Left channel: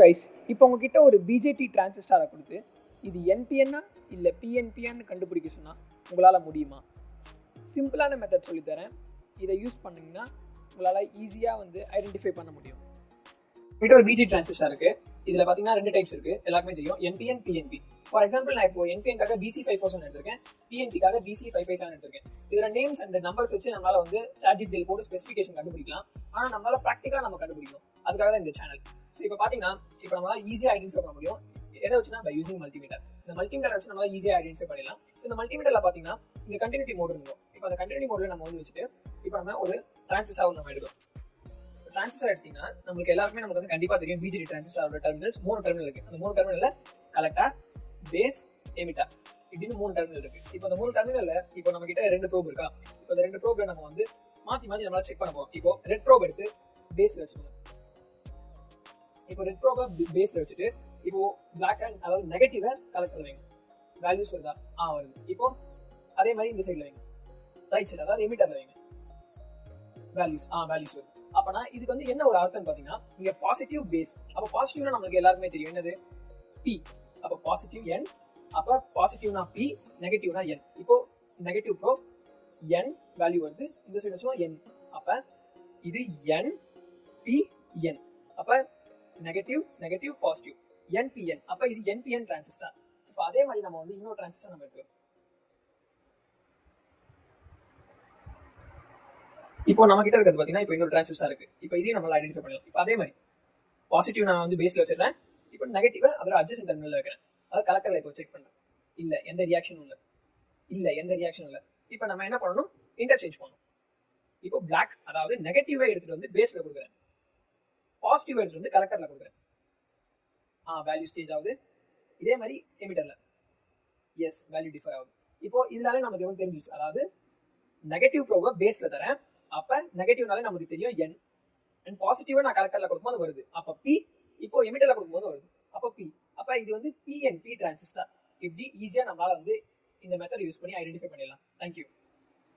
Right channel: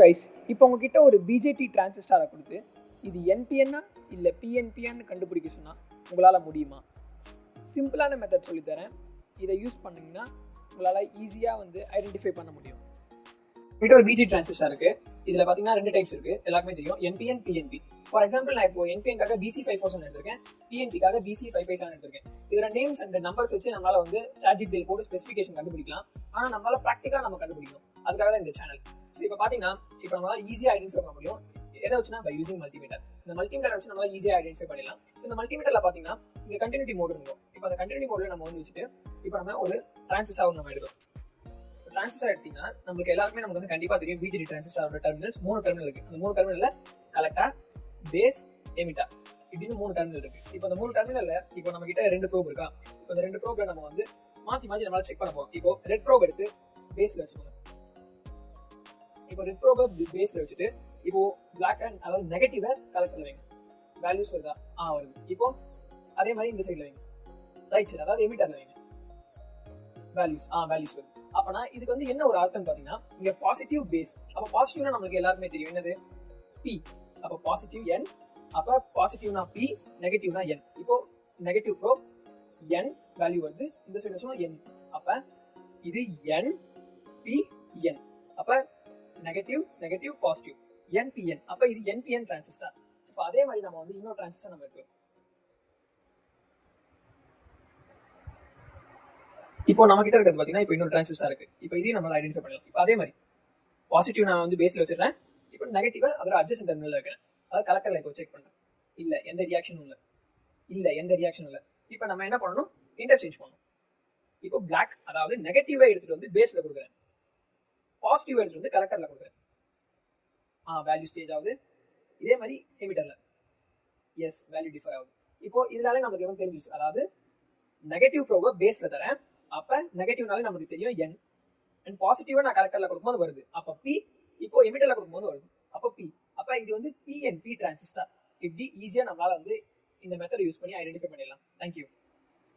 Guys, இப்போ உங்ககிட்ட ஒரு பிஜேடி டிரான்சிஸ்டாரை கொடுத்து இது என்பிஎன்னா இல்லை பிஎன்பிஎன்னு கண்டுபிடிக்க சொன்னால் உங்களால் முடியுமா? சிம்பிளான மெத்தட் சொல்லித்தரேன். இதை யூஸ் பண்ணிங்கன்னா உங்களால் ஈஸியாக ஐடென்டிஃபை பண்ண முடியும். உங்ககிட்ட ஒரு பிஜேடி டிரான்சிஸ்டார் இருக்குது. இதில் பார்த்தீங்கன்னா 2 டைப்ஸ் இருக்குது, எல்லாருமே தெரியும், என்பிஎன் பிஎன்பி. ஃபார் எக்ஸாம்பிள், நான் இப்போ என்பிஎன்காக BC547 எடுத்திருக்கேன், பிஎன்பிக்காக BC557 எடுத்திருக்கேன். இதோட நேம்ஸ் அண்ட் நம்பர்ஸ் வச்சு நம்மளால் ChatGPT போட்டு ஸ்பெசிஃபிகேஷன் கண்டுபிடிக்கலாம். ஆனால் நம்மளால் ப்ராக்டிக்கலாக நம்ம கண்டுபிடிக்கணும். அதுக்காக தான் இந்த சேனல். ஸோ இப்போ பார்த்தீங்கன்னா இப்போ நம்மளால் ஈஸியாக ஐடென்டிஃபை பண்ண முடியும். எதை வச்சுனா பை யூசிங் மல்டிமீட்டர். இந்த மல்டிமீட்டர் வச்சு நம்மளால் ஈஸியாக ஐடென்டிஃபை பண்ணிடலாம். இந்த மல்டிமீட்டரில் பார்த்தீங்கன்னா இங்கே கண்டினியூட்டி மோட் இருக்கும். இப்போ அந்த கண்டினியூட்டி மோடில் நம்ம வச்சுட்டு இப்போ நம்ம ஒரு டிரான்சிஸ்டார் நம்ம எடுக்கிறோம். டிரான்சிஸ்டர் எடுத்தீங்கன்னா நமக்கு எல்லாருமே நமக்கு கண்டிப்பாக தெரியும், பிஜேடி டிரான்சிஸ்டரோட டெர்மினல்ஸ் 3 டெர்மினல் இருக்கு. அந்த 3 டெர்மினல்ல கலெக்டர், பேஸ், எமிட்டர் இப்படின்னு 3 டெர்மினல் இருக்கு. இப்போ அந்த 3 டெர்மினல்ல இப்போ நம்ம கிட்ட 2 ப்ரோப் இருக்கா. இப்போ அந்த 2 ப்ரோப்ல நம்ம மாத்தி நம்மளால செக் பண்ண போறோம். இப்போ ரெட் ப்ரோப் எடுத்து பேஸ்ல வச்சுக்கணும். இப்போ ரெட் ப்ரோபை பேஸ்ல வச்சுட்டு இப்போ பிளாக் அண்ட் அதாவது நெகட்டிவ கலெக்டர்ல வைங்க. வேல்யூஸ் வருதா? வருது. இப்போ அதே மாதிரி இந்த சைட்ல வைங்க, ரைட் சைடு அதாவது எமிட்டர்ல வைங்க. வேல்யூஸ் வருது. அப்பனா இதுக்கு என்ன ஒரு அர்த்தம் பாத்தீங்கன்னா, இங்க பாசிட்டிவ் பேஸ். அப்ப பாசிட்டிவ்னா நமக்கு எல்லாருமே தெரியும் என்னது, P. அப்ப பாசிட்டிவ் N, அப்ப பாசிட்டிவ்னா P, நெகட்டிவ்னா N. இப்போ நெகட்டிவ் ப்ரோ N வேல்யூ வருது, இந்த சைடு வச்சோம்னா N. அப்ப இது N P N. அப்ப நெகட்டிவ் பாசிட்டிவ் NPN. அப்ப இது NPN டிரான்சிஸ்டர். இப்போ அதே மாதிரி நம்ம இன்னொரு டிரான்சிஸ்டர் நம்ம எடுக்கிறோம். இப்போ நம்ம கிட்ட இருக்கிறது பாத்தீங்கன்னா இப்போ இன்னொரு டிரான்சிஸ்டர் இருக்கு. இப்போ இதையும் நம்ம ஐடென்டிஃபை பண்ணலாம். இப்போ அதே மாதிரி பாசிட்டிவ் நான் பேஸ்ல வச்சிருக்கேன். இப்போ நெகட்டிவ் அதோட அட்ஜசன்ட் டெர்மினல்ல வைக்கிறேன். அதாவது கலெக்டர்ல இப்போ செக் பண்றேன். இல்ல எந்த ரியாக்ஷனும் இல்ல. இப்போ நம்ம என்ன பண்ணணும், இன்டர்சேஞ்ச் பண்ணணும். இப்போ பிளாக் அதாவது நெகட்டிவா எடுத்துட்டு பேஸ்ல கொடுக்குறேன், பாசிட்டிவ் எடுத்துட்டு கலெக்டர்ல கொடுக்குறேன். வேல்யூ சேஞ்ச் ஆகுது. இதே மாதிரி எமிட்டர்ல எஸ் வேல்யூ டிஃபர் ஆகுது. இப்போ இதனால நமக்கு தெரிஞ்சிச்சு, அதாவது நெகட்டிவ் ப்ரோபை பேஸ்ல தரேன். அப்ப நெகட்டிவ்னால நமக்கு தெரியும் N, அண்ட் பாசிட்டிவா நான் கலெக்டர்ல கொடுக்கும்போது வருது. அப்ப P, இப்போ எமிட்டர்ல கொடுக்கும்போது வருது. அப்ப P. அப்ப இது PNP டிரான்சிஸ்டர். இப்படி ஈஸியா நம்மளால இந்த மெத்தட் யூஸ் பண்ணி ஐடென்டிஃபை பண்ணிடலாம். தேங்க்யூ.